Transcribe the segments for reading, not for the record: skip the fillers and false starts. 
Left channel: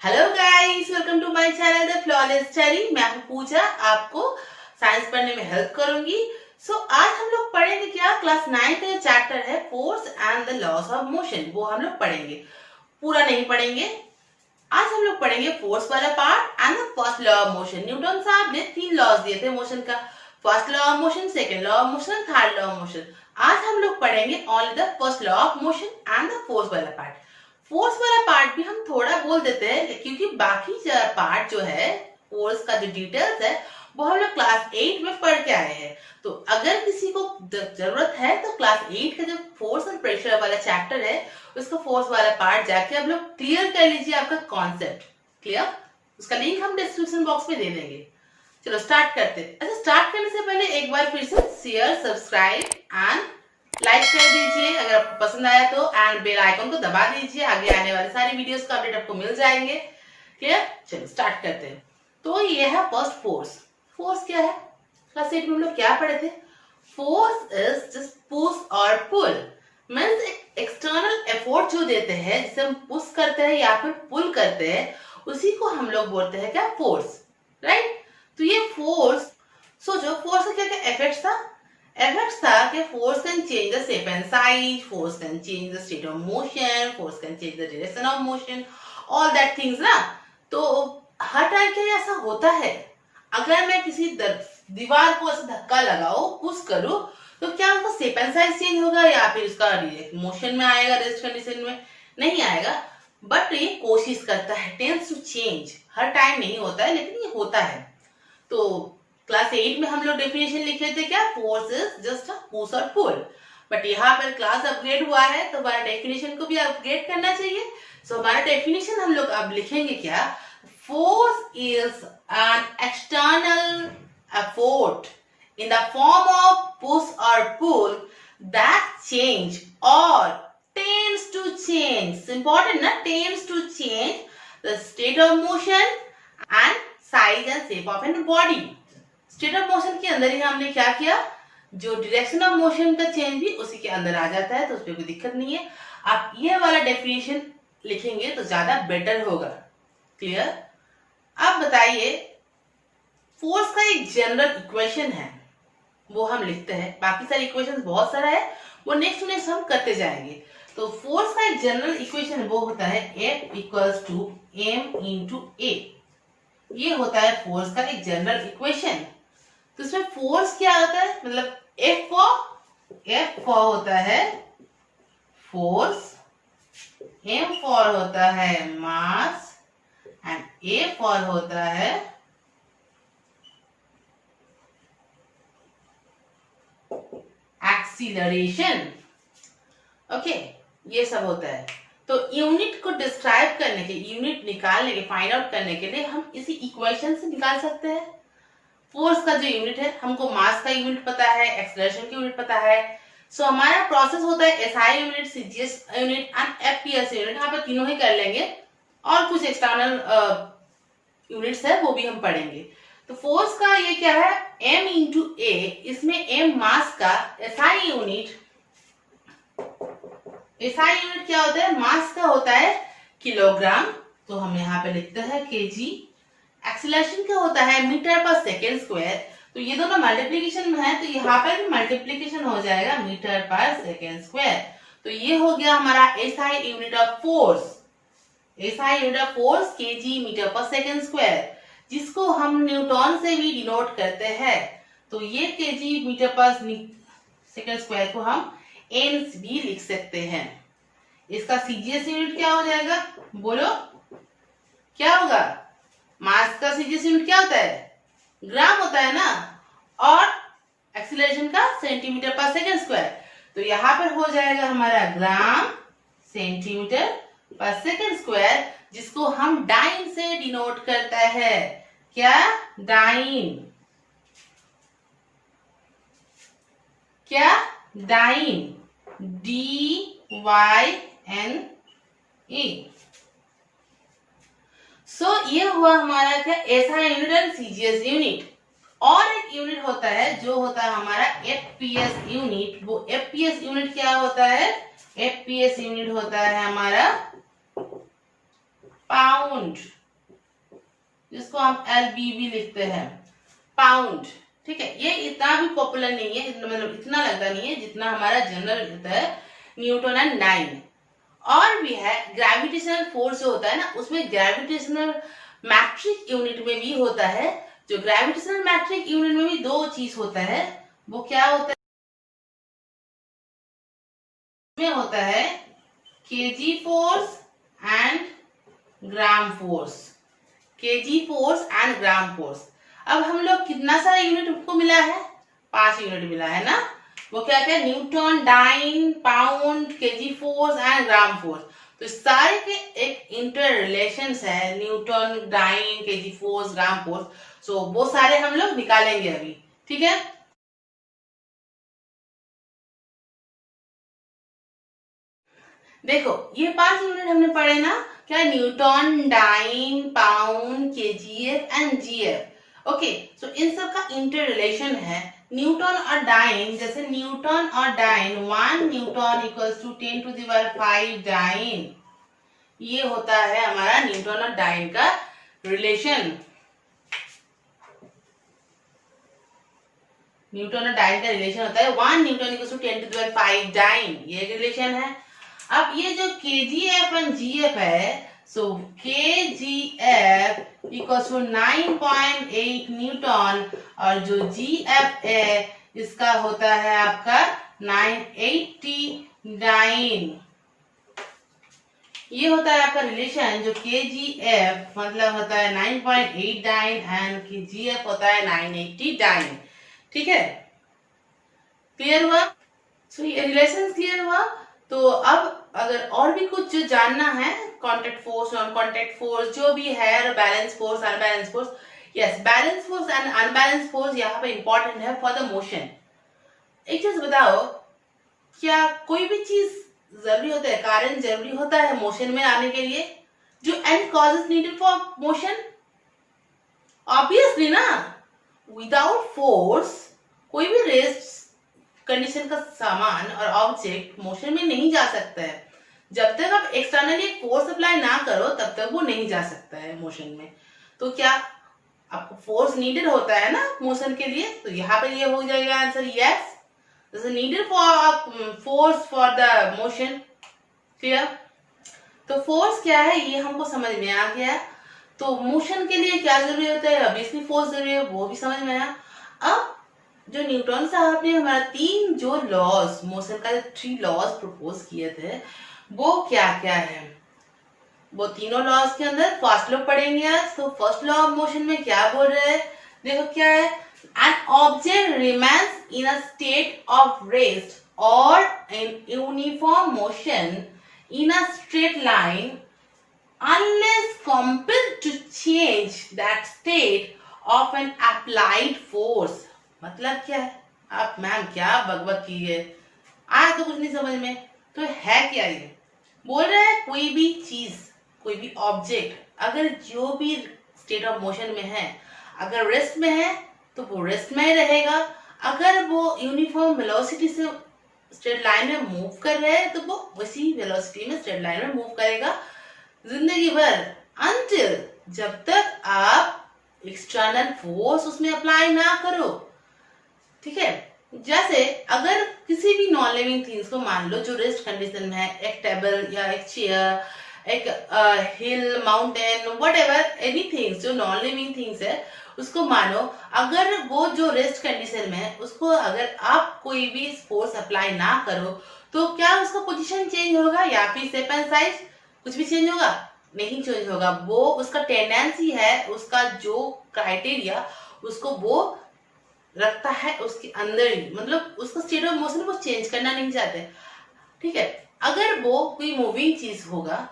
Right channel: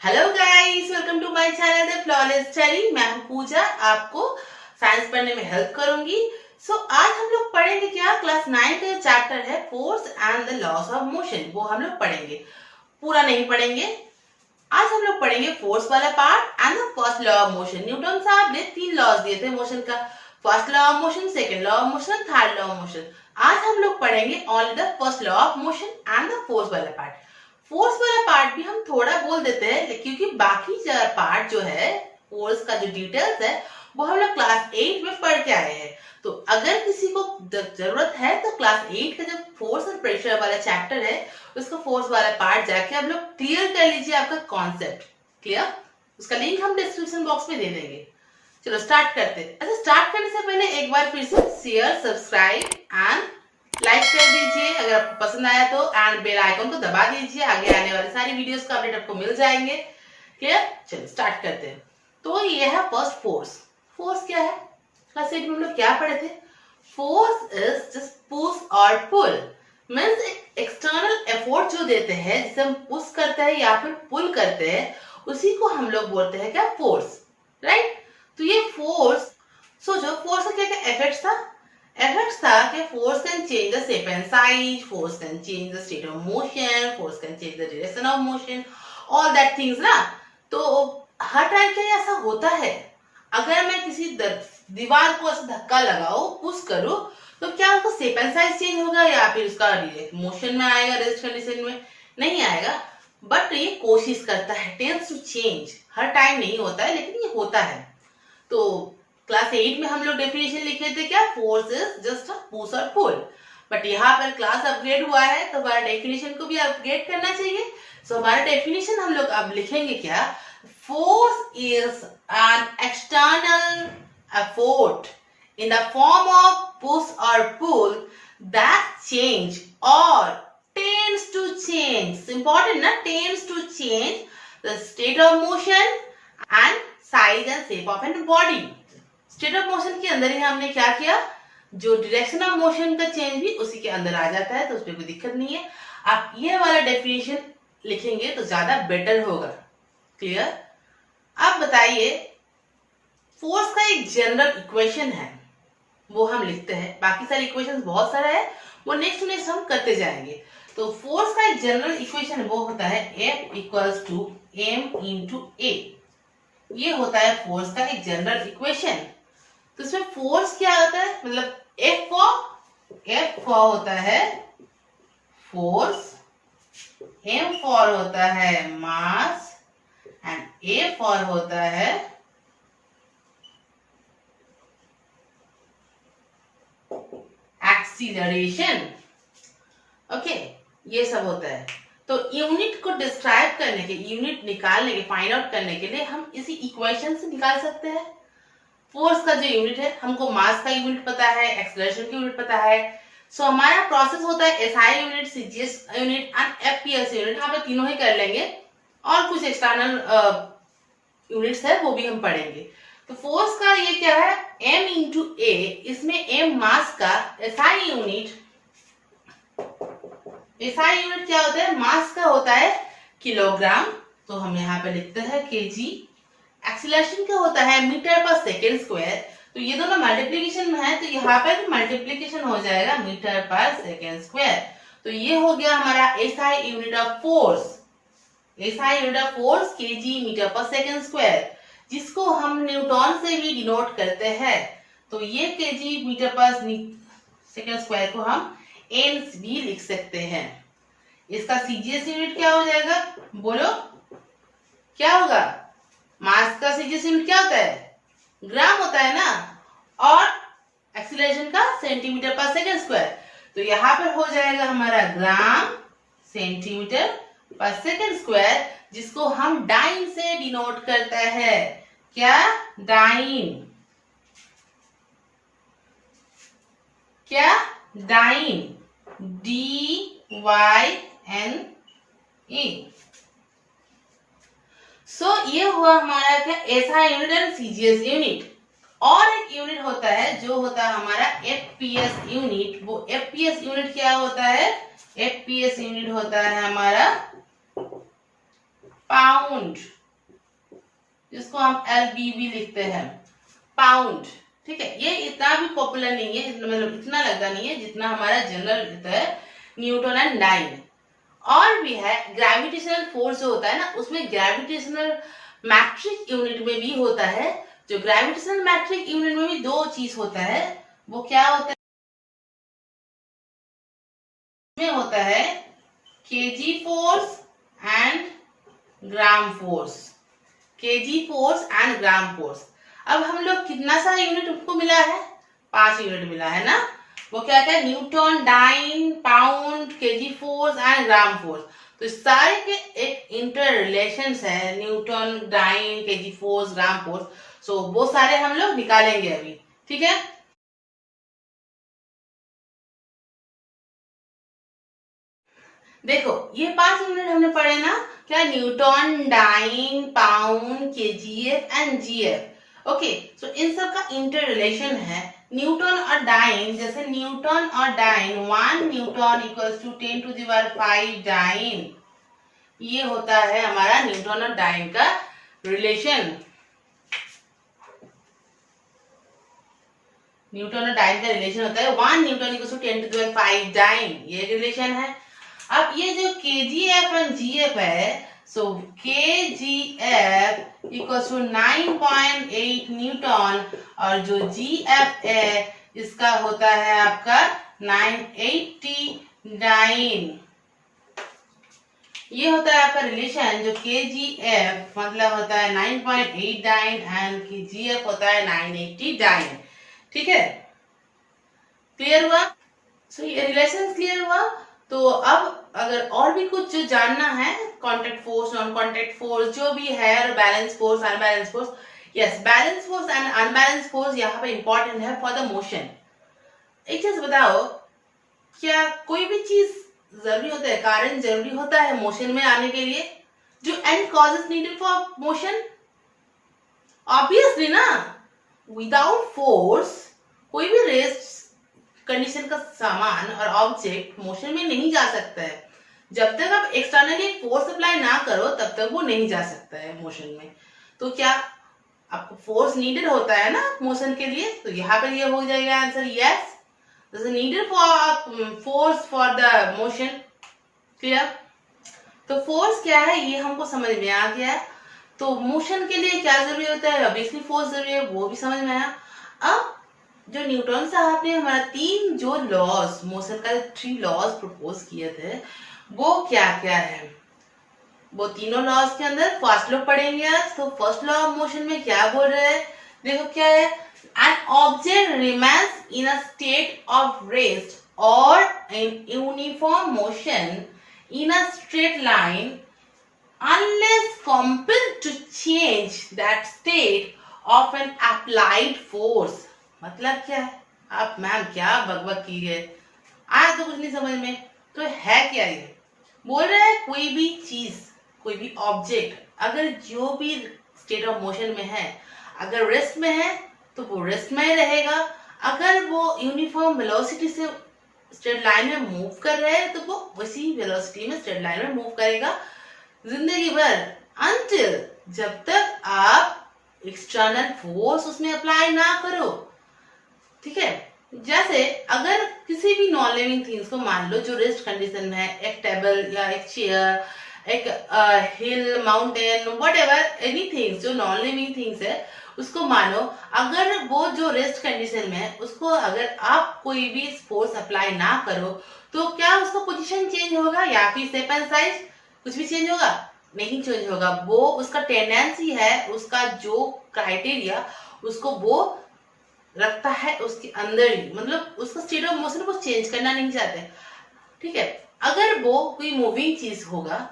Hello guys, welcome to my channel the flawless study. मैं हूं पूजा, आपको साइंस पढ़ने में हेल्प करूंगी। आज हम लोग पढ़ेंगे क्या, क्लास 9 का चैप्टर है force and the loss of motion, वो हम लोग पढ़ेंगे। पूरा नहीं पढ़ेंगे, आज हम लोग पढ़ेंगे फोर्स वाला part and the first law of motion. Newton साहब ने 3 लॉज दिए थे मोशन का, first law of motion, second law of motion, third law of motion. आज हम लोग पढ़ेंगे only the first law of motion and the force वाला पार्ट। फोर्स वाला पार्ट भी हम थोड़ा बोल देते हैं क्योंकि बाकी पार्ट जो है फोर्स का जो डिटेल्स है वो हम लोग क्लास 8 में पढ़ के आए हैं। तो अगर किसी को जरूरत है तो क्लास 8 का जो फोर्स एंड प्रेशर वाला चैप्टर है उसका फोर्स वाला पार्ट जाके आप लोग क्लियर कर लीजिए, आपका कॉन्सेप्ट क्लियर। उसका लिंक हम डिस्क्रिप्शन बॉक्स में दे देंगे। चलो स्टार्ट करते हैं। अच्छा, स्टार्ट करने से पहले एक बार फिर से शेयर, सब्सक्राइब एंड लाइक कर दीजिए अगर आपको पसंद आया तो, एंड बेल आइकन को दबा दीजिए, आगे आने वाले सारी वीडियोस का अपडेट आपको मिल जाएंगे। क्लियर, चलो स्टार्ट करते हैं। तो ये है फर्स्ट फोर्स। फोर्स क्या है, क्लास 8 में हम लोग क्या पढ़े थे? फोर्स इज जस्ट पुश और पुल, मींस एक्सटर्नल एफर्ट जो देते हैं, जिसे हम पुश करते हैं या फिर पुल करते हैं, उसी को हम लोग बोलते हैं क्या, फोर्स, राइट। तो ये फोर्स, सोचो फोर्स का क्या क्या इफेक्ट्स था। Effects था कि force can change the shape and size, force can change the state of motion, force can change the direction of motion, all that things ना। तो हर टाइम के लिए ऐसा होता है। अगर मैं किसी दीवार को ऐसा धक्का लगाओ, पुश करूं, तो क्या उसका शेप एंड साइज चेंज होगा या फिर उसका मोशन में आएगा, रेस्ट कंडीशन में नहीं आएगा। बट ये कोशिश करता है, टेंड्स टू चेंज। हर टाइम नहीं होता है लेकिन ये होता है। तो क्लास 8 में हम लोग डेफिनेशन लिखे थे क्या, force is just a push और पुल। बट यहाँ पर क्लास अपग्रेड हुआ है तो हमारा डेफिनेशन को भी अपग्रेड करना चाहिए। सो हमारा डेफिनेशन हम लोग अब लिखेंगे क्या, force is an external effort in the form of push और पुल दैट चेंज और टेंड्स टू चेंज, इंपॉर्टेंट ना, tends to change the state of motion and size and shape of an body. State of motion के अंदर ही हमने क्या किया, जो डायरेक्शन ऑफ मोशन का चेंज भी उसी के अंदर आ जाता है, तो उसमें कोई दिक्कत नहीं है। आप ये वाला डेफिनेशन लिखेंगे तो ज्यादा बेटर होगा। क्लियर। अब बताइए, फोर्स का एक जनरल इक्वेशन है वो हम लिखते हैं, बाकी सारे इक्वेशन बहुत सारा है वो नेक्स्ट हम करते जाएंगे। तो फोर्स का एक जनरल इक्वेशन वो होता है F equals to m into A। ये होता है फोर्स का एक जनरल इक्वेशन। तो इसमें फोर्स क्या होता है, मतलब F फॉर होता है फोर्स, M फॉर होता है मास एंड A फॉर होता है एक्सीलरेशन। ओके, ये सब होता है। तो यूनिट को डिस्क्राइब करने के, यूनिट निकालने के, फाइंड आउट करने के लिए हम इसी इक्वेशन से निकाल सकते हैं। फोर्स का जो यूनिट है, हमको मास का यूनिट पता है, एक्सेलरेशन की यूनिट पता है। सो हमारा प्रोसेस होता है SI unit, CGS unit and FPS unit. यहाँ पे तीनों ही कर लेंगे और कुछ एक्सटर्नल यूनिट्स है वो भी हम पढ़ेंगे। तो फोर्स का ये क्या है, m इंटू ए, इसमें m मास का, एसआई यूनिट क्या होता है, मास का होता है किलोग्राम, तो हम यहाँ पे लिखते हैं केजी। एक्सीलरेशन क्या होता है, मीटर पर सेकेंड स्क्वायर। तो ये दोनों मल्टीप्लीकेशन में है तो यहाँ पे भी मल्टीप्लीकेशन हो जाएगा, मीटर पर सेकेंड स्क्वायर। तो ये हो गया हमारा SI unit of force. SI unit of force kg metre per second square, जिसको हम न्यूटन से भी डिनोट करते हैं। तो ये KG metre per second square को हम एन भी लिख सकते हैं। इसका सीजीएस यूनिट क्या हो जाएगा, बोलो क्या होगा? मास का सीजीएस यूनिट क्या होता है, ग्राम होता है ना, और एक्सीलरेशन का सेंटीमीटर पर सेकेंड स्क्वायर। तो यहाँ पर हो जाएगा हमारा ग्राम सेंटीमीटर पर सेकेंड स्क्वायर, जिसको हम डाइन से डिनोट करता है। क्या, डाइन, क्या, डाइन, DYNE। सो ये हुआ हमारा क्या, SI unit and CGS unit. और एक यूनिट होता है जो होता है हमारा एफपीएस यूनिट। वो एफपीएस यूनिट क्या होता है, एफपीएस यूनिट होता है हमारा पाउंड, जिसको हम LBB लिखते हैं, पाउंड। ठीक है, ये इतना भी पॉपुलर नहीं है, मतलब इतना लगता नहीं है जितना हमारा जनरल होता है न्यूटन एंड डाइन। और भी है ग्रेविटेशनल फोर्स जो होता है ना, उसमें ग्रेविटेशनल मैट्रिक यूनिट में भी होता है। जो ग्रेविटेशनल मैट्रिक यूनिट में भी दो चीज होता है, वो क्या होता है, में होता है KG force and gram force, KG force and gram force. अब हम लोग कितना सारा यूनिट हमको मिला है, 5 यूनिट मिला है ना। वो क्या क्या, newton, dyne, pound, kg force and gram force. तो सारे के एक इंटर रिलेशन है, newton, dyne, kg force, gram force. So वो सारे हम लोग निकालेंगे अभी, ठीक है। देखो ये 5 यूनिट हमने पढ़े ना, क्या, newton, dyne, pound, KGF and GF. Okay, so इन सब का इंटर रिलेशन है। न्यूटन और डाइन, जैसे न्यूटन और dyne, 1 newton equals to 10 to the power 5 dyne. ये होता है हमारा न्यूटन और डाइन का रिलेशन। न्यूटन और डाइन का रिलेशन होता है 1 newton equals to 10 to the power 5 dyne, ये रिलेशन है। अब ये जो KGF एंड GF है, सो KGF इक्वल्स टू 9.8 न्यूटन और जो GF है इसका होता है आपका 989। ये होता है आपका रिलेशन। जो KGF मतलब होता है 9.89 एंड GF होता है 989। ठीक है, क्लियर हुआ? सो ये रिलेशन क्लियर हुआ। तो अब अगर और भी कुछ जो जानना है, contact force, non contact force जो भी है, और balance force, unbalance force, yes, balance force and unbalance force यहाँ पे इंपॉर्टेंट है फॉर द मोशन। एक चीज बताओ, क्या कोई भी चीज जरूरी होता है, कारण जरूरी होता है मोशन में आने के लिए? जो and causes needed for motion, obviously ना, विदाउट फोर्स कोई भी रेस्ट कंडीशन का सामान और ऑब्जेक्ट मोशन में नहीं जा सकता है। जब तक आप एक्सटर्नली फोर्स अप्लाई ना करो तब तक वो नहीं जा सकता है मोशन में। तो क्या आपको फोर्स नीडेड होता है ना मोशन के लिए? तो यहाँ पे ये हो जाएगा answer, yes, this is needed for force for the motion. Clear? तो फोर्स क्या है ये हमको समझ में आ गया। तो मोशन के लिए क्या जरूरी होता है, ऑब्वियसली फोर्स जरूरी है, वो भी समझ में आया। अब जो न्यूटन साहब ने हमारा 3 जो लॉज, मोशन का 3 लॉज प्रपोज किए थे, वो क्या क्या है? वो तीनों लॉज के अंदर फर्स्ट लॉ पढ़ेंगे आज। तो फर्स्ट लॉ ऑफ मोशन में क्या बोल रहे हैं, देखो क्या है, an object remains in a state of rest और in uniform motion in a straight line unless compelled to change that state of an applied force। मतलब क्या है? आप मैम क्या बकबक की है, आज तो कुछ नहीं समझ में। तो है क्या ये? बोल रहे हैं कोई भी चीज, कोई भी ऑब्जेक्ट अगर जो भी स्टेट ऑफ मोशन में है, अगर रेस्ट में है तो वो रेस्ट में ही रहेगा। अगर वो यूनिफॉर्म वेलोसिटी से स्ट्रेट लाइन में मूव कर रहे हैं तो वो उसी वेलोसिटी में स्ट्रेट लाइन में मूव करेगा जिंदगी भर, अनटिल, जब तक आप एक्सटर्नल फोर्स उसमें अप्लाई ना करो। ठीक है, जैसे अगर किसी भी नॉन लिविंग थिंग्स को मान लो जो रेस्ट कंडीशन में है, एक टेबल या एक चेयर, एक हिल, माउंटेन, व्हाटएवर एनीथिंग जो नॉन लिविंग थिंग्स है, उसको मानो अगर वो जो रेस्ट कंडीशन में है उसको अगर आप कोई भी फोर्स अप्लाई ना करो तो क्या उसका पोजीशन चेंज होगा या फिर शेप एंड साइज कुछ भी चेंज होगा? नहीं चेंज होगा। वो उसका टेंडेंसी है, उसका जो क्राइटेरिया उसको वो रखता है उसके अंदर ही, मतलब उसका स्टेट ऑफ मोशन वो चेंज करना नहीं चाहते। ठीक है, अगर वो कोई मूविंग चीज होगा,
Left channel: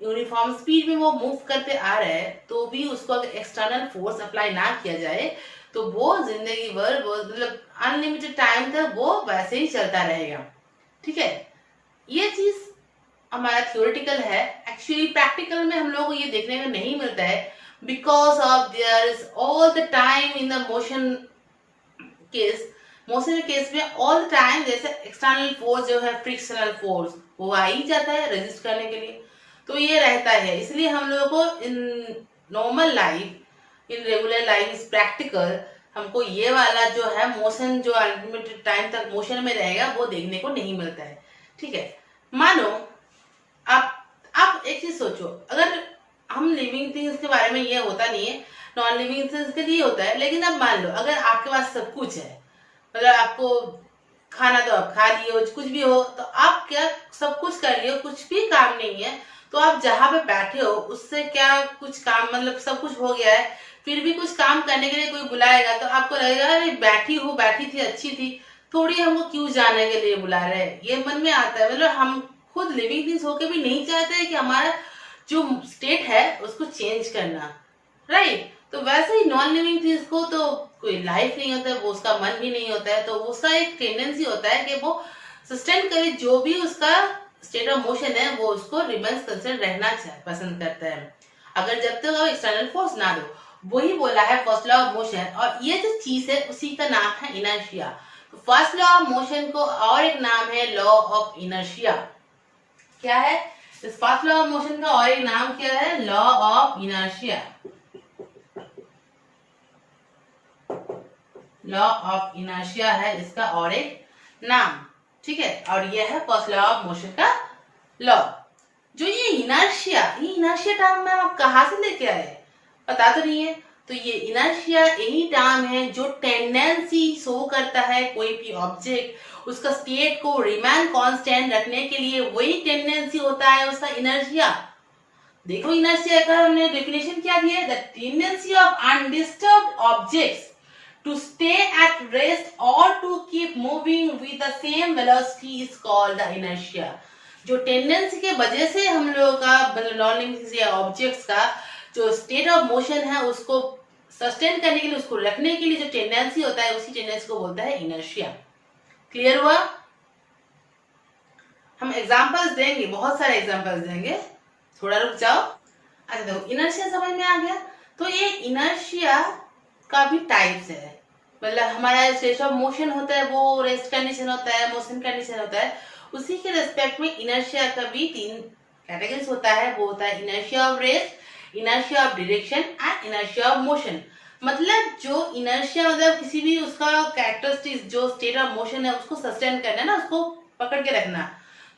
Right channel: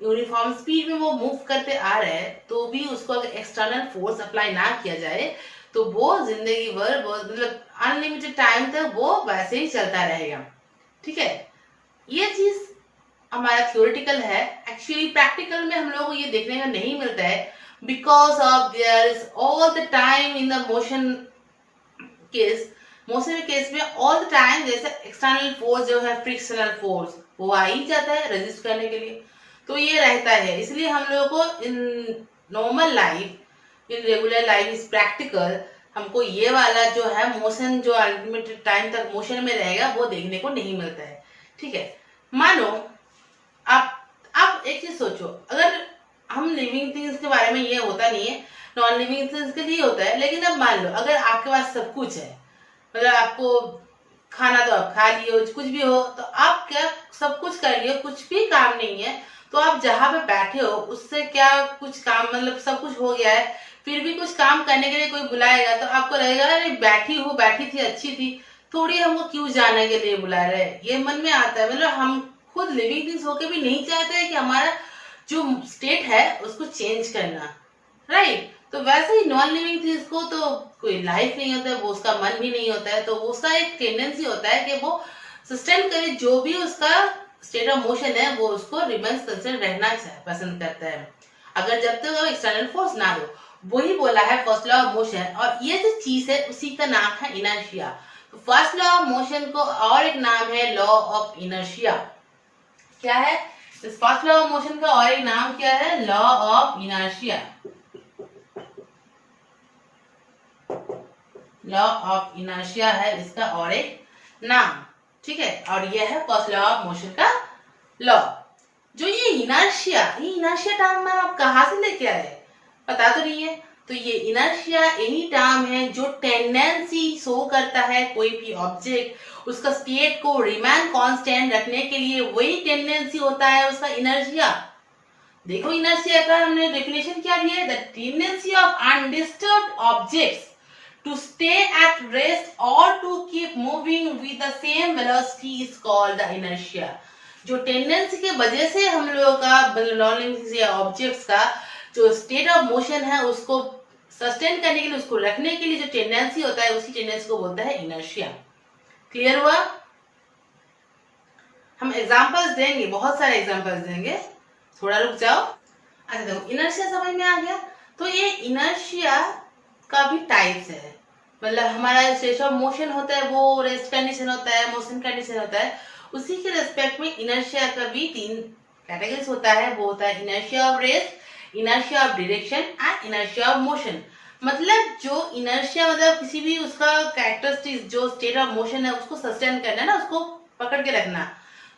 यूनिफॉर्म स्पीड में वो मूव करते आ रहे हैं, तो भी उसको अगर एक्सटर्नल फोर्स अप्लाई ना किया जाए तो वो जिंदगी भर, वो मतलब अनलिमिटेड टाइम तक वो वैसे ही चलता रहेगा। ठीक है, ये चीज हमारा थियोरिटिकल है। एक्चुअली प्रैक्टिकल में हम लोगों को ये देखने को नहीं मिलता है, because of their is all the time in the motion case, motion case में ऑल द टाइम जैसे एक्सटर्नल फोर्स जो है फ्रिक्शनल फोर्स वो आ ही जाता है रेजिस्ट करने के लिए। तो ये रहता है। इसलिए हम लोगों को in normal life, in regular life is practical, हमको ये वाला जो है मोशन, जो अनलिमिटेड टाइम तक मोशन में रहेगा, वो देखने को नहीं मिलता है। ठीक है, मानो आप एक चीज सोचो, अगर हम लिविंग थिंग्स के बारे में, ये होता नहीं है, नॉन लिविंग थिंग्स के लिए होता है, लेकिन अब मान लो अगर आपके पास सब कुछ है, मतलब आपको खाना तो आप खा लिए हो, कुछ भी हो, तो आप क्या सब कुछ कर लिए हो, कुछ भी काम नहीं है, तो आप जहां पे बैठे हो उससे क्या कुछ काम, मतलब सब कुछ हो गया है, फिर भी कुछ काम करने के लिए कोई बुलाएगा तो आपको लगेगा अरे बैठी हूँ, बैठी थी, अच्छी थी, थोड़ी हमको क्यों जाने के लिए बुला रहे हैं, ये मन में आता है। मतलब हम खुद लिविंग थिंग्स होके भी नहीं चाहते हैं कि हमारा जो स्टेट है उसको चेंज करना, राइट। तो वैसे ही नॉन लिविंग थिंग्स को तो कोई लाइफ नहीं होता है, वो उसका मन भी नहीं होता है, तो उसका एक टेंडेंसी होता है कि वो सस्टेन करे, जो भी उसका स्टेट ऑफ मोशन है वो उसको रिमेंस कंसर्न रहना पसंद करता है, अगर जब तक वो एक्सटर्नल फोर्स ना दो। वही बोला है फर्स्ट लॉ ऑफ मोशन, और ये जो चीज है उसी का नाम है inertia. First law of motion को और एक नाम है लॉ ऑफ इनर्शिया। क्या है इस फर्स्ट लॉ ऑफ मोशन का और एक नाम? क्या है? Law of inertia. Law of inertia है इसका और एक नाम, ठीक है। और ये है फर्स्ट लॉ ऑफ मोशन का लॉ। जो ये इनर्शिया टर्म मैम आप कहाँ से लेके आए, पता तो नहीं है। तो ये इनर्शिया यही टर्म है जो टेंडेंसी शो करता है कोई भी ऑब्जेक्ट उसका स्टेट को रिमेन कांस्टेंट रखने के लिए, वही टेंडेंसी होता है उसका इनर्शिया। देखो इनर्शिया का हमने डेफिनेशन क्या दिया है, the tendency of undisturbed objects to stay at rest or to keep moving with the same velocity is called the inertia। जो टेंडेंसी के वजह से हम लोगों का नॉन लिविंग या ऑब्जेक्ट्स का जो स्टेट ऑफ मोशन है उसको सस्टेन करने के लिए, उसको रखने के लिए जो टेंडेंसी होता है, उसी टेंडेंसी को बोलता है इनर्शिया। क्लियर हुआ? हम एग्जांपल्स देंगे, बहुत सारे एग्जांपल्स देंगे, थोड़ा रुक जाओ। अच्छा देखो इनर्शिया समझ में आ गया। तो ये इनर्शिया का भी टाइप्स है, मतलब हमारा स्टेट ऑफ मोशन होता है वो रेस्ट कंडीशन होता है, मोशन कंडीशन होता है, उसी के रेस्पेक्ट में इनर्शिया का भी 3 कैटेगरीज होता है। वो होता है inertia of rest, inertia of direction and inertia of motion. मतलब जो इनर्शिया मतलब किसी भी उसका कैरेक्टरिस्टिक्स जो स्टेट ऑफ मोशन है उसको सस्टेन करना ना, उसको पकड़ के रखना।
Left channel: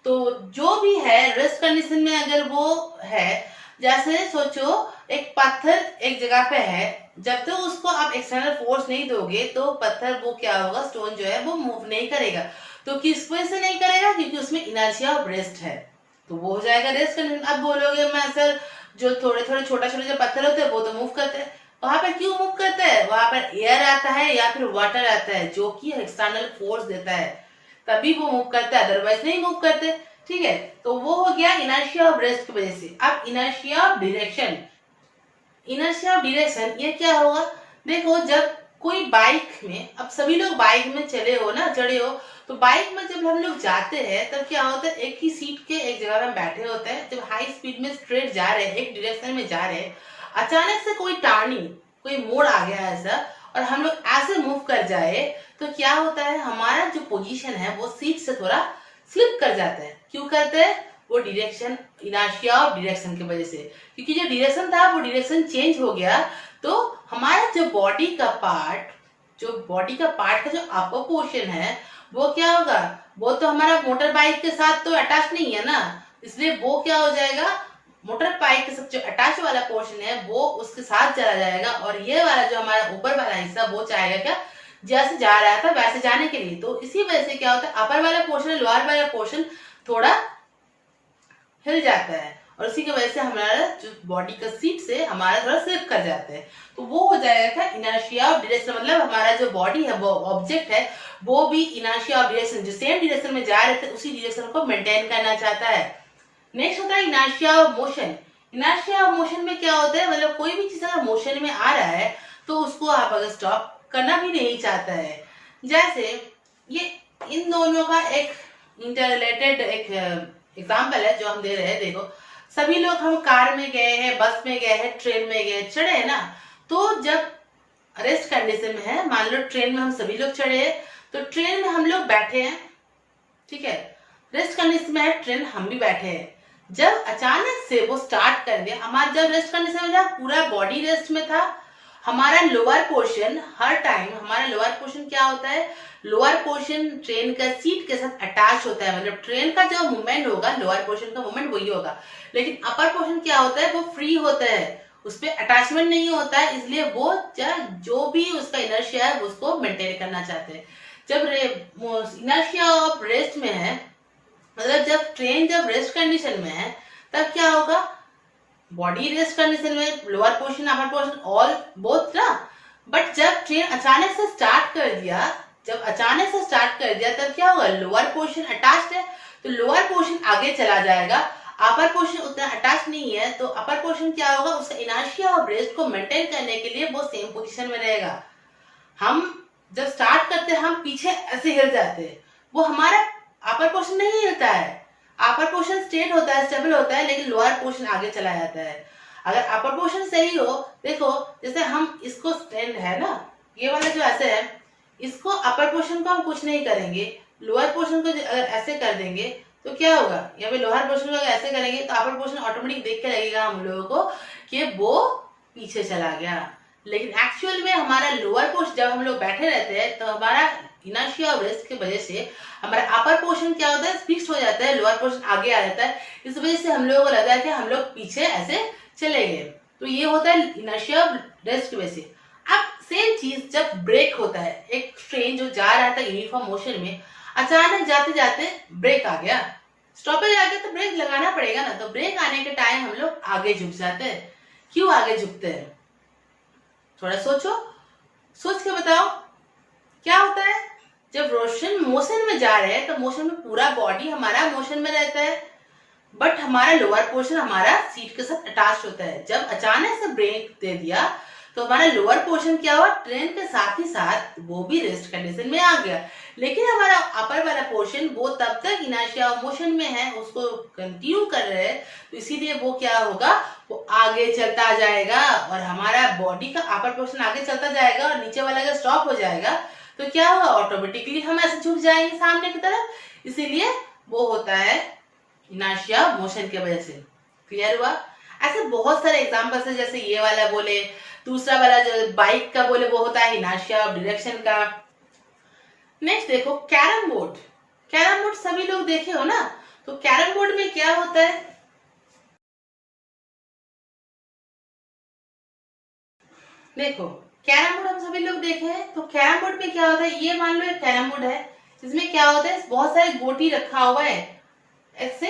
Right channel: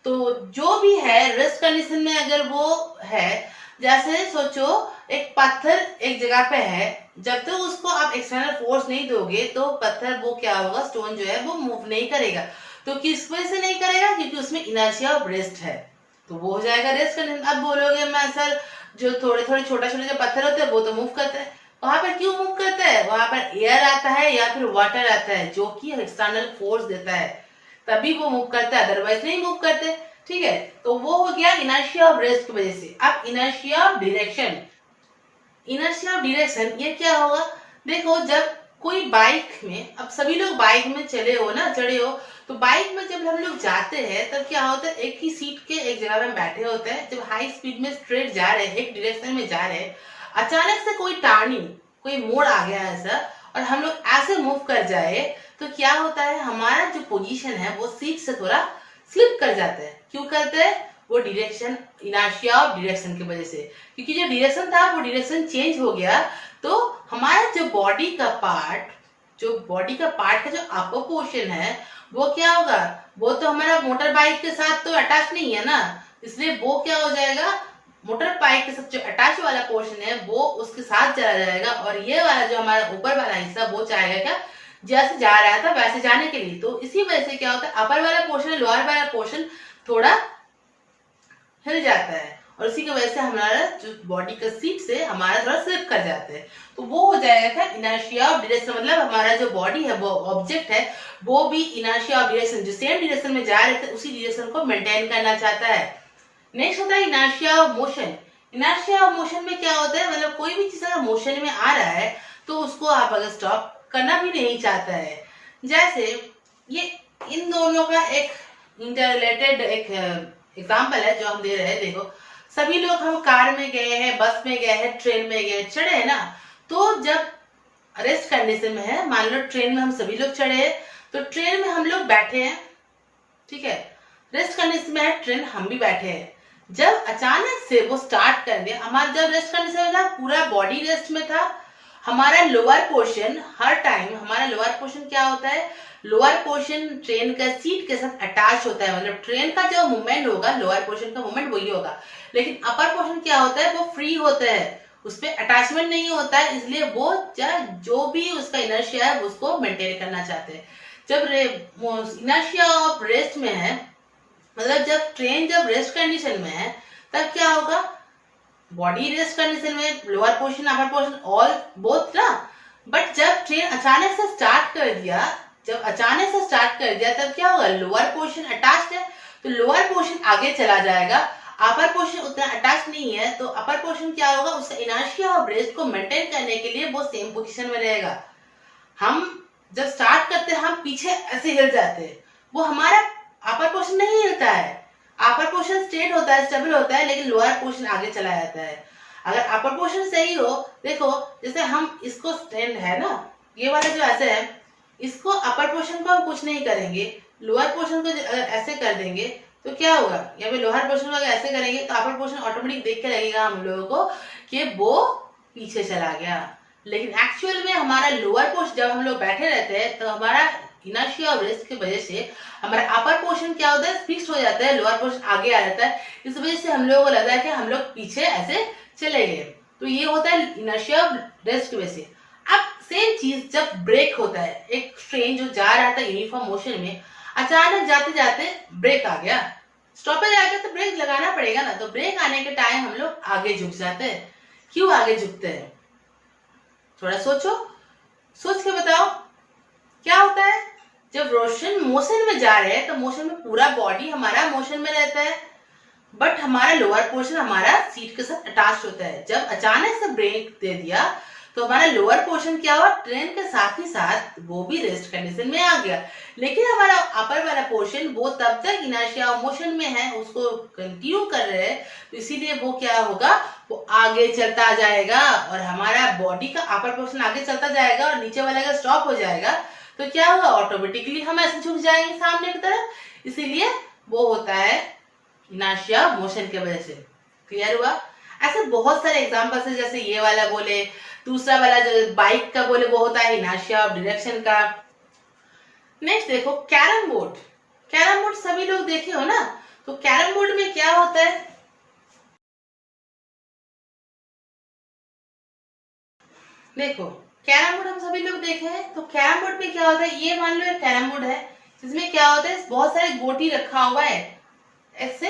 तो जो भी है रेस्ट कंडीशन में अगर वो है, जैसे सोचो एक पत्थर एक जगह पे है, जब तक उसको आप एक्सटर्नल फोर्स नहीं दोगे तो पत्थर वो क्या होगा, स्टोन जो है वो मूव नहीं करेगा। तो किस वजह से नहीं करेगा? क्योंकि उसमें इनर्शिया ऑफ रेस्ट है, तो वो हो जाएगा रेस्ट कंडीशन। अब बोलोगे मैं सर जो थोड़े थोड़े छोटा छोटे जो पत्थर होते हैं वो तो मूव करते हैं, वहां पर क्यों मूव करता है? वहां पर एयर आता है या फिर वाटर आता है जो कि एक्सटर्नल फोर्स देता है, तभी वो मूव करता है, अदरवाइज नहीं मूव करते। ठीक है, तो वो हो गया इनर्शिया ऑफ रेस्ट की वजह से। अब inertia of direction, inertia of direction ये क्या होगा? देखो जब कोई बाइक में, अब सभी लोग बाइक में चले हो ना, चढ़े हो, तो बाइक में जब हम लोग जाते हैं तब क्या होता है, एक ही सीट के एक जगह में बैठे होते हैं, जब हाई स्पीड में स्ट्रेट जा रहे हैं, एक डायरेक्शन में जा रहे हैं, अचानक से कोई टर्निंग, कोई मोड़ आ गया ऐसा और हम लोग ऐसे मूव कर जाए, तो क्या होता है, हमारा जो पोजीशन है वो सीट से थोड़ा स्लिप कर जाता है। क्यों करते हैं? वो डायरेक्शन, इनर्शिया ऑफ डायरेक्शन की वजह से, क्योंकि जो डायरेक्शन था वो डायरेक्शन चेंज हो गया। तो हमारा जो बॉडी का पार्ट का जो अपर पोर्शन है वो क्या होगा, वो तो हमारा मोटर बाइक के साथ तो अटैच नहीं है ना, इसलिए वो क्या हो जाएगा, मोटर बाइक के साथ जो अटैच वाला पोर्शन है वो उसके साथ चला जाएगा, और ये वाला जो हमारा ऊपर वाला हिस्सा वो चाहेगा क्या, जैसे जा रहा था वैसे जाने के लिए। तो इसी वजह से क्या होता है, अपर वाला पोर्शन लोअर वाला पोर्शन थोड़ा हिल जाता है, और उसी की वजह से हमारा जो बॉडी का सीट से हमारा थोड़ा स्लिप कर जाता है। तो वो हो जाएगा इनर्शिया ऑफ डायरेक्शन, मतलब हमारा जो बॉडी है, वो ऑब्जेक्ट है, वो भी इनर्शिया ऑफ डायरेक्शन, जो सेम डायरेक्शन में जा रहे थे उसी डायरेक्शन को मेंटेन करना चाहता है। नेक्स्ट होता है inertia of motion. Inertia of motion में क्या होता है, मतलब कोई भी चीज अगर मोशन में आ रहा है तो उसको आप अगर स्टॉप करना भी नहीं चाहता है। जैसे ये इन दोनों का एक इंटररिलेटेड एक एग्जाम्पल है जो हम दे रहे हैं। देखो सभी लोग हम कार में गए हैं, बस में गए हैं, ट्रेन में गए, चढ़े हैं ना, तो जब रेस्ट कंडीशन में है, मान लो ट्रेन में हम सभी लोग चढ़े हैं, तो ट्रेन में हम लोग बैठे हैं, ठीक है, रेस्ट कंडीशन में है ट्रेन, हम भी बैठे हैं। जब अचानक से वो स्टार्ट कर दिया, हमारा जब रेस्ट कंडीशन में था पूरा बॉडी रेस्ट में था, हमारा लोअर पोर्शन हर टाइम, हमारा लोअर पोर्शन क्या होता है, लोअर पोर्शन ट्रेन का सीट के साथ अटैच होता है, मतलब ट्रेन का जो मूवमेंट होगा लोअर पोर्शन का मूवमेंट वही होगा, लेकिन अपर पोर्शन क्या होता है वो फ्री होता है, उस पर अटैचमेंट नहीं होता है, इसलिए वो जो भी उसका इनर्शिया है उसको मेंटेन करना चाहते हैं। जब इनर्शिया ऑफ रेस्ट में है, मतलब जब ट्रेन जब रेस्ट कंडीशन में है तब क्या होगा, बॉडी रेस्ट कंडीशन में lower portion upper portion all both ना, बट जब ट्रेन अचानक से स्टार्ट कर दिया, जब अचानक से स्टार्ट कर दिया तब क्या होगा, लोअर पोर्शन अटैच्ड है तो लोअर पोर्शन आगे चला जाएगा, अपर पोर्शन उतना अटैच नहीं है तो अपर पोर्शन क्या होगा, उसका इनर्शिया और रेस्ट को मेंटेन करने के लिए वो सेम पोजीशन में रहेगा। हम जब स्टार्ट करते हैं हम पीछे ऐसे हिल जाते हैं, वो हमारा अपर पोर्शन नहीं हिलता है, अपर पोर्शन स्ट्रेट होता है, स्टेबल होता है, लेकिन लोअर पोर्शन आगे चला जाता है। अगर अपर पोर्शन सही हो, देखो जैसे हम इसको स्टैंड है ना, ये वाला जो ऐसे है, इसको अपर पोर्शन को हम कुछ नहीं करेंगे, लोअर पोर्शन को अगर ऐसे कर देंगे तो क्या होगा, या फिर लोअर पोर्शन को अगर ऐसे करेंगे तो अपर पोर्शन ऑटोमेटिक देख के लगेगा हम लोगों को कि वो पीछे चला गया, लेकिन एक्चुअल में हमारा लोअर पोर्शन जब हम लोग बैठे रहते हैं तो हमारा इनर्शिया और रेस्ट की वजह से हमारा अपर पोर्शन क्या होता है, फिक्स हो जाता है, लोअर पोर्शन आगे आ जाता है, इस वजह से हम लोगों को लगता है कि हम लोग पीछे ऐसे चले गए, तो ये होता है इनर्शिया और रेस्ट की वजह से। अब सेम चीज जब ब्रेक होता है, एक ट्रेन जो जा रहा था यूनिफॉर्म मोशन में, अचानक जाते जाते ब्रेक आ गया, स्टॉपेज आ गया, तो ब्रेक लगाना पड़ेगा ना, तो ब्रेक आने के टाइम हम लोग आगे झुक जाते हैं। क्यों आगे झुकते हैं, थोड़ा सोचो, सोच के बताओ क्या होता है। जब रोशन मोशन में जा रहे हैं तो मोशन में पूरा बॉडी हमारा मोशन में रहता है, बट हमारा लोअर पोर्शन हमारा सीट के साथ अटैच होता है। जब अचानक से ब्रेक दे दिया तो हमारा लोअर पोर्शन क्या हुआ, ट्रेन के साथ ही साथ वो भी रेस्ट कंडीशन में आ गया, लेकिन हमारा अपर वाला पोर्शन वो तब तक इनर्शिया और मोशन में है, उसको कंटिन्यू कर रहे हैं, तो इसीलिए वो क्या होगा, वो आगे चलता जाएगा और हमारा बॉडी का अपर पोर्शन आगे चलता जाएगा और नीचे वाला अगर स्टॉप हो जाएगा तो क्या होगा, ऑटोमेटिकली हम ऐसे झुक जाएंगे सामने की तरफ, इसीलिए वो होता है इनर्शिया मोशन की वजह से। क्लियर हुआ। ऐसे बहुत सारे एग्जांपल्स है, जैसे ये वाला बोले, दूसरा वाला जो बाइक का बोले वो होता है इनर्शिया ऑफ डायरेक्शन का। नेक्स्ट देखो कैरम बोर्ड, कैरम बोर्ड सभी लोग देखे हो ना, तो कैरम बोर्ड में क्या होता है, देखो कैरम बोर्ड हम सभी लोग देखे हैं, तो कैरम बोर्ड में क्या होता है, ये मान लो एक कैरम बोर्ड है, इसमें क्या होता है, बहुत सारे गोटी रखा हुआ है, ऐसे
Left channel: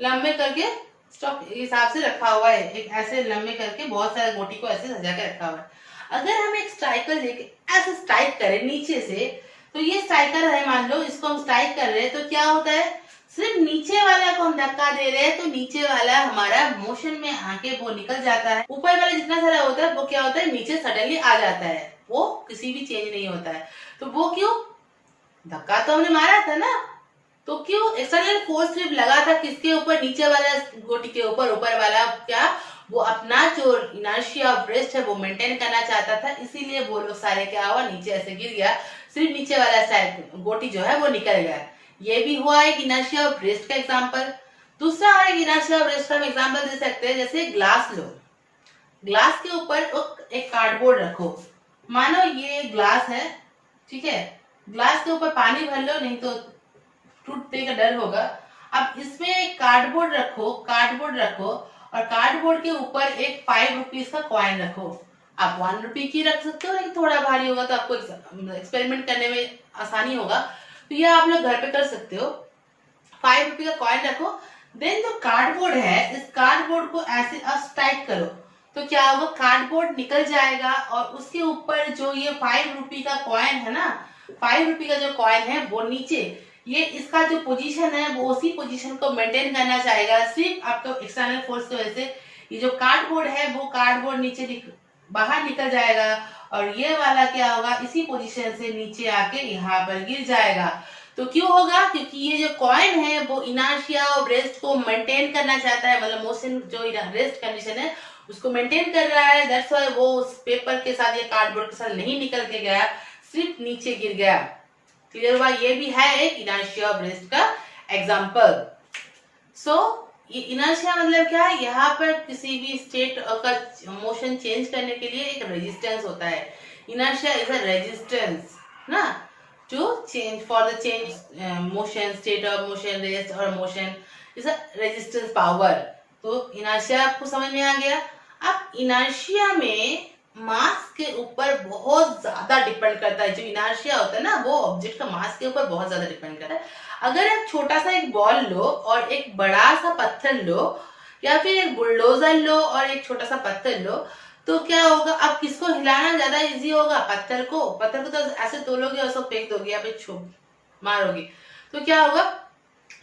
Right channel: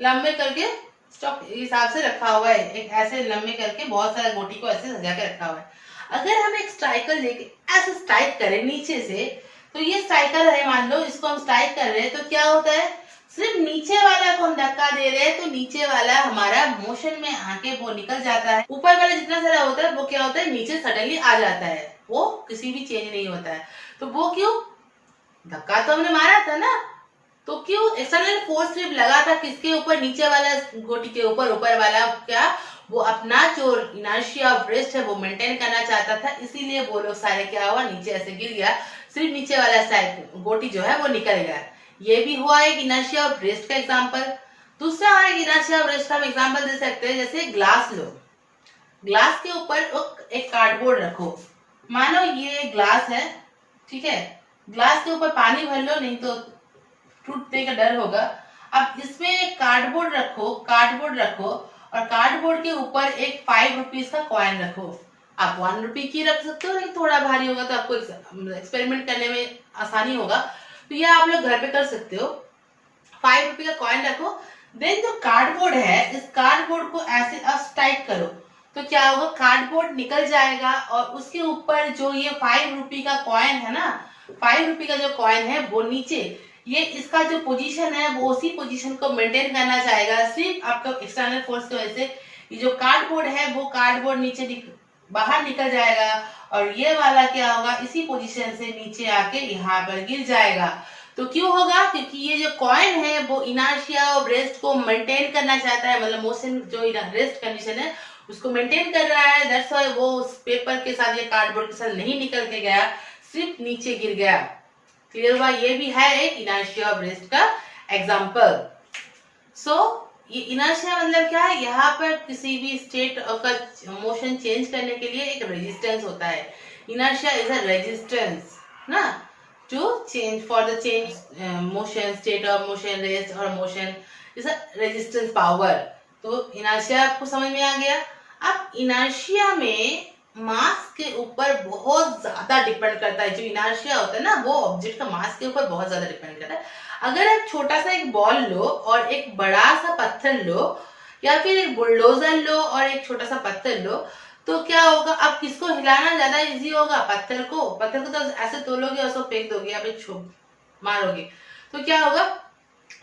लंबे करके स्टॉक हिसाब से रखा हुआ है, एक ऐसे लंबे करके बहुत सारे गोटी को ऐसे सजा के रखा हुआ है। अगर हम एक स्ट्राइकर लेके ऐसे स्ट्राइक करें नीचे से, तो ये स्ट्राइकर है, मान लो इसको हम स्ट्राइक कर रहे हैं, तो क्या होता है, सिर्फ नीचे वाला को हम धक्का दे रहे हैं तो नीचे वाला हमारा मोशन में आके वो निकल जाता है, ऊपर वाला जितना सारा होता है वो क्या होता है, नीचे सडनली आ जाता है, वो किसी भी चेंज नहीं होता है। तो वो क्यों, धक्का तो हमने मारा था ना, तो क्यों एक्सटर्नल फोर्स सिर्फ लगा था किसके ऊपर, नीचे वाला गोटी के ऊपर, ऊपर वाला क्या वो अपना जो इनर्शिया ऑफ रेस्ट है वो मेंटेन करना चाहता था, इसीलिए वो लोग सारे क्या हुआ, नीचे ऐसे गिर गया, सिर्फ नीचे वाला साइड गोटी जो है वो निकल गया। ये भी हुआ एक इनर्शिया ऑफ रेस्ट का एग्जाम्पल। दूसरा और एक इनर्शिया ऑफ रेस्ट का एग्जाम्पल दे सकते हैं, जैसे ग्लास लो, ग्लास के ऊपर एक कार्डबोर्ड रखो, मानो ये ग्लास है, ठीक है, ग्लास के ऊपर पानी भर लो, नहीं तो टूटने का डर होगा। अब इसमें एक कार्डबोर्ड रखो, कार्डबोर्ड रखो और कार्डबोर्ड के ऊपर एक 5 रुपीज का कॉइन रखो, आप 1 रुपी की रख सकते हो, लेकिन थोड़ा भारी होगा तो आपको एक्सपेरिमेंट करने में आसानी होगा, तो ये आप लोग घर पे कर सकते हो। 5 रुपी का कॉइन रखो, देन जो कार्डबोर्ड है, इस कार्डबोर्ड को ऐसे स्ट्राइक करो, तो क्या होगा, कार्डबोर्ड निकल जाएगा और उसके ऊपर जो ये 5 रुपी का कॉइन है ना, 5 रुपी का जो कॉइन है वो नीचे, ये इसका जो पोजीशन है वो उसी पोजीशन को मेंटेन करना चाहेगा, सिर्फ आपका एक्सटर्नल फोर्स की वजह से ये जो कार्डबोर्ड है वो कार्डबोर्ड नीचे बाहर निकल जाएगा और ये वाला क्या होगा, इसी पोजीशन से नीचे आके यहाँ पर गिर जाएगा। तो क्यों होगा, क्योंकि ये जो कॉइन है वो इनर्शिया और रेस्ट को मेंटेन करना चाहता है, मतलब मोशन जो रेस्ट कंडीशन है उसको मेंटेन कर रहा है, दैट्स व्हाई वो उस पेपर के साथ या कार्डबोर्ड के साथ नहीं निकल के गया, सिर्फ नीचे गिर गया। क्लियर हुआ। ये भी है एक इनर्शिया ऑफ रेस्ट का एग्जांपल। सो ये इनर्शिया मतलब क्या है, यहाँ पर किसी भी स्टेट का मोशन चेंज करने के लिए एक रेजिस्टेंस होता है। इनर्शिया इज अ रेजिस्टेंस ना, to change for the change motion, state of motion, rest और motion is a resistance power. तो इनर्शिया आपको समझ में आ गया। अब इनर्शिया में मास के ऊपर बहुत ज्यादा डिपेंड करता है। जो इनर्शिया होता है ना, वो ऑब्जेक्ट का मास के ऊपर बहुत ज्यादा डिपेंड करता है। अगर आप छोटा सा एक बॉल लो और एक बड़ा सा पत्थर लो, या फिर एक बुलडोजर लो और एक छोटा सा पत्थर लो, तो क्या होगा, आप किसको हिलाना ज्यादा इजी होगा? पत्थर को। पत्थर को तो ऐसे तोलोगे और उसको फेंक दोगे या फिर मारोगे, तो क्या होगा,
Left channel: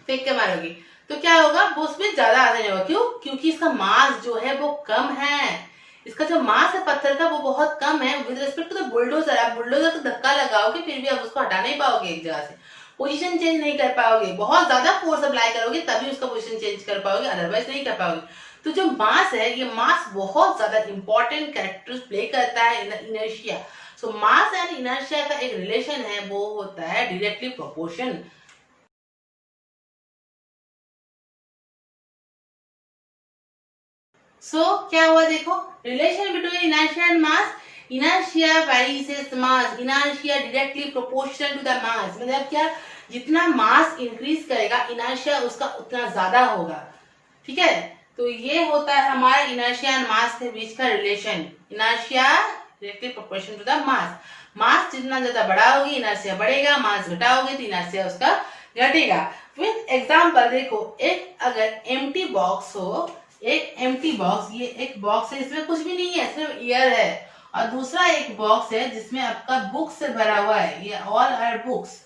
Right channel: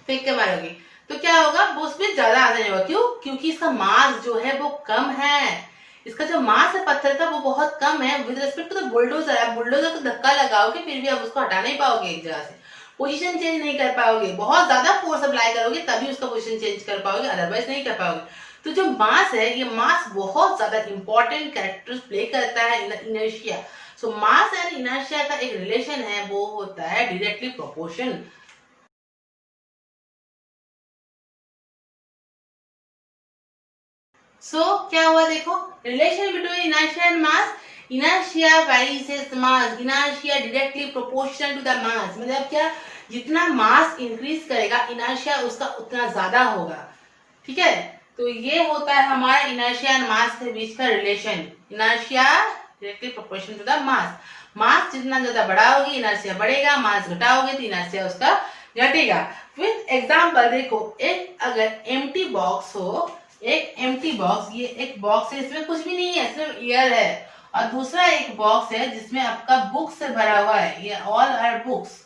फेंक के मारोगे, तो क्या होगा, वो उसमें ज्यादा आसानी होगा। क्यों? क्योंकि इसका मास जो है वो कम है। इसका जो मास है पत्थर का वो बहुत कम है with respect to the bulldozer. आप बुलडोजर को धक्का लगाओगे फिर भी आप उसको हटा नहीं पाओगे एक जगह से, पोजीशन चेंज नहीं कर पाओगे। बहुत ज्यादा फोर्स अप्लाई करोगे तभी उसका पोजीशन चेंज कर पाओगे, अदरवाइज नहीं कर पाओगे। तो जो मास है, ये मास बहुत ज्यादा इंपॉर्टेंट कैरेक्टर प्ले करता है inertia. So mass and inertia का एक रिलेशन है, वो होता है डायरेक्टली प्रोपोर्शन। क्या हुआ देखो, relation between inertia and mass. Inertia varies mass, inertia directly proportional to the mass. मतलब क्या, जितना मास इंक्रीज करेगा इनर्शिया उसका उतना ज्यादा होगा। ठीक है, तो ये होता है हमारा इनर्शिया एंड मास के बीच का relation. Inertia directly proportional to the mass. Mass जितना ज्यादा बड़ा होगी इनर्शिया बढ़ेगा, मास घटाओगे तो इनर्शिया उसका घटेगा। विथ एग्जाम्पल देखो, एक अगर एम्प्टी बॉक्स हो, एक एम्प्टी बॉक्स, ये एक बॉक्स है, इसमें कुछ भी नहीं है, सिर्फ एयर है, और दूसरा एक बॉक्स है जिसमें आपका बुक से भरा हुआ है, ये ऑल आर बुक्स।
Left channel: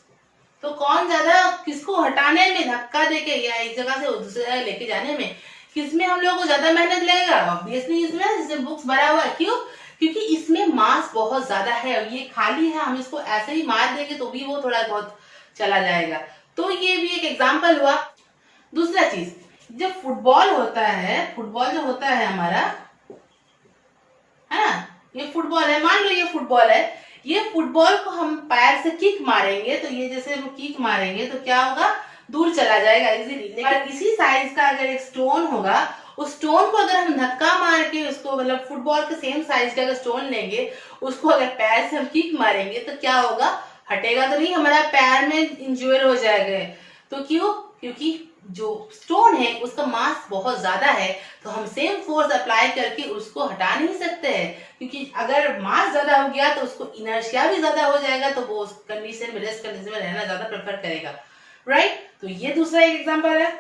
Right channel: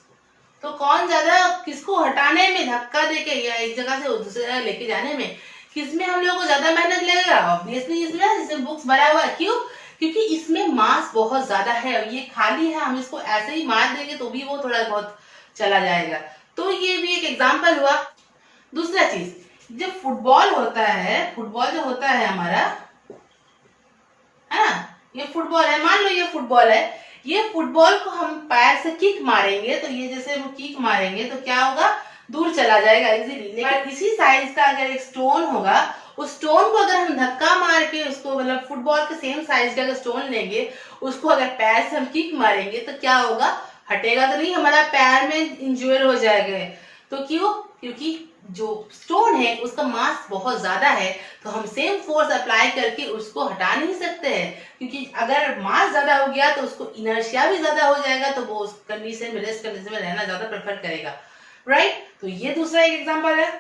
तो कौन ज्यादा, किसको हटाने में, धक्का देके या एक जगह से दूसरी जगह लेके जाने में, किसमें हम लोगों को ज्यादा मेहनत लगेगा? ऑब्वियसली इसमें, जिसमें बुक्स भरा हुआ है। क्यों? क्योंकि इसमें मास बहुत ज्यादा है, ये खाली है, हम इसको ऐसे ही मार देंगे तो भी वो थोड़ा बहुत चला जाएगा। तो ये भी एक एग्जाम्पल हुआ। दूसरा चीज, जब फुटबॉल होता है, फुटबॉल जो होता है हमारा, है ना, ये फुटबॉल है, मान लो ये फुटबॉल है, ये फुटबॉल को हम पैर से किक मारेंगे तो ये जैसे वो किक मारेंगे तो क्या होगा, दूर चला जाएगा इजीली। लेकिन इसी साइज का अगर एक स्टोन होगा, उस स्टोन को अगर हम धक्का मार के उसको, मतलब फुटबॉल के सेम साइज का अगर स्टोन लेंगे, उसको अगर पैर से हम किक मारेंगे तो क्या होगा, हटेगा तो नहीं, हमारा पैर में इंज्योर हो जाएगा। तो क्यों? क्योंकि जो स्टोन है उसका मास बहुत ज्यादा है, तो हम सेम फोर्स अप्लाई करके उसको हटा नहीं सकते हैं। क्योंकि अगर मास ज्यादा हो गया तो उसको इनर्शिया भी ज्यादा हो जाएगा, तो वो उस कंडीशन में, रेस्ट कंडीशन में रहना ज्यादा प्रेफर करेगा। राइट, तो ये दूसरा एक एग्जांपल है।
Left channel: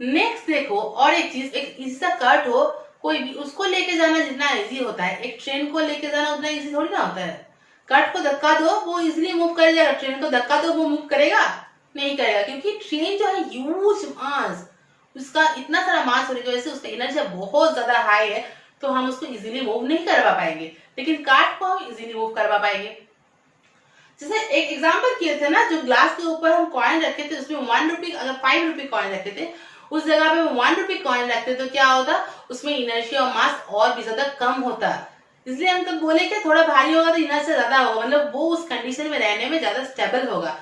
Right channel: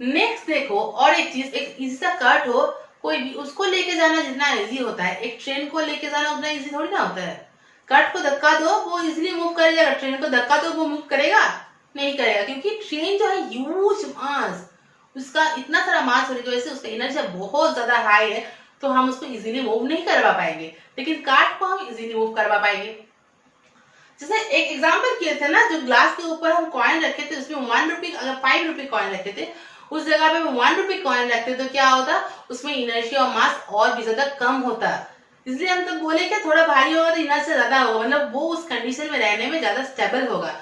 नेक्स्ट देखो, और एक चीज, एक इसका कट हो, कोई भी उसको लेके जाना जितना इजी होता है, एक ट्रेन को लेके जाना उतना इजी थोड़ी ना होता है। कट को धक्का दो वो इजिली मूव कर जाएगा, ट्रेन को धक्का दो वो मूव करेगा नहीं करेगा, क्योंकि ट्रेन जो है ह्यूज मास, उसका इतना सारा मास होने की वजह से उसका एनर्जी बहुत ज्यादा हाई है, तो हम उसको इजीली मूव नहीं करवा पाएंगे। लेकिन कार्ट को हम इजीली मूव करवा पाएंगे। जैसे एक एग्जांपल किए थे ना, जो ग्लास के ऊपर हम कॉइन रखे थे, उसमें 1 रुपी, अगर 5 रुपी कॉइन रखे थे, उस जगह पे 1 रुपी कॉइन रखते तो क्या होता, उसमें इनर्शिया और मास और भी ज्यादा कम होता। इसलिए हम तो बोले कि थोड़ा भारी होगा तो इनर्शिया ज्यादा होगा, मतलब वो उस कंडीशन में रहने में ज्यादा स्टेबल होगा।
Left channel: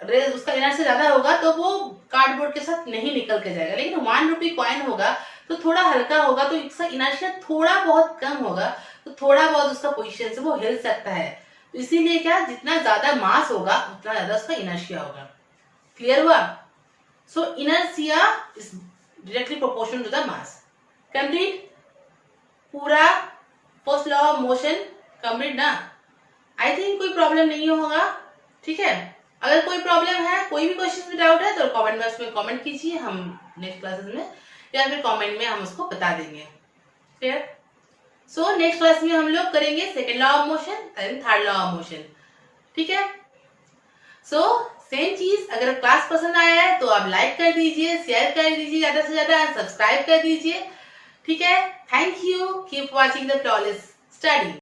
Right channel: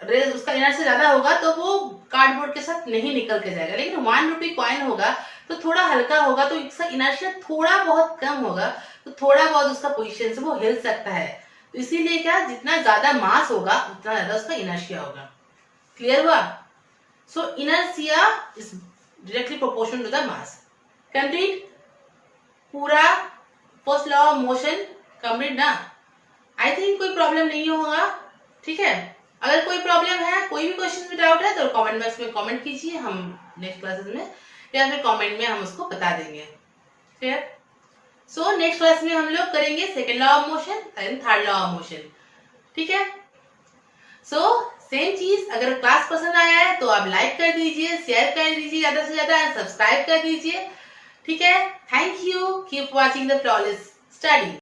उसका इनर्शिया ज्यादा होगा तो वो कार्डबोर्ड के साथ नहीं निकल के जाएगा। लेकिन 1 रुपी कॉइन होगा तो थोड़ा हल्का होगा, तो इसका इनर्शिया थोड़ा बहुत कम होगा, तो थोड़ा बहुत उसका पोजीशन से वो हिल सकता है। तो इसीलिए क्या, जितना ज्यादा मास होगा उतना ज्यादा उसका इनर्शिया होगा। क्लियर हुआ? So inertia is directly proportional to the mass. Complete पूरा first law of motion complete ना? आई थिंक कोई प्रॉब्लम नहीं होगा। ठीक है, अगर कोई प्रॉब्लम है, कोई भी क्वेश्चन में डाउट है तो कमेंट बॉक्स में कमेंट कीजिए, हम नेक्स्ट क्लासेस में या फिर कमेंट में हम उसको बता देंगे। क्लियर? सो नेक्स्ट क्लास में हम लोग करेंगे second law of motion and third law of motion. ठीक है, सो सेम चीज, अगर क्लास पसंद आया है तो आप लाइक कर दीजिए, शेयर कर दीजिए ज्यादा से ज्यादा, सब्सक्राइब कर दीजिए। ठीक है, thank you, keep watching the flawless study.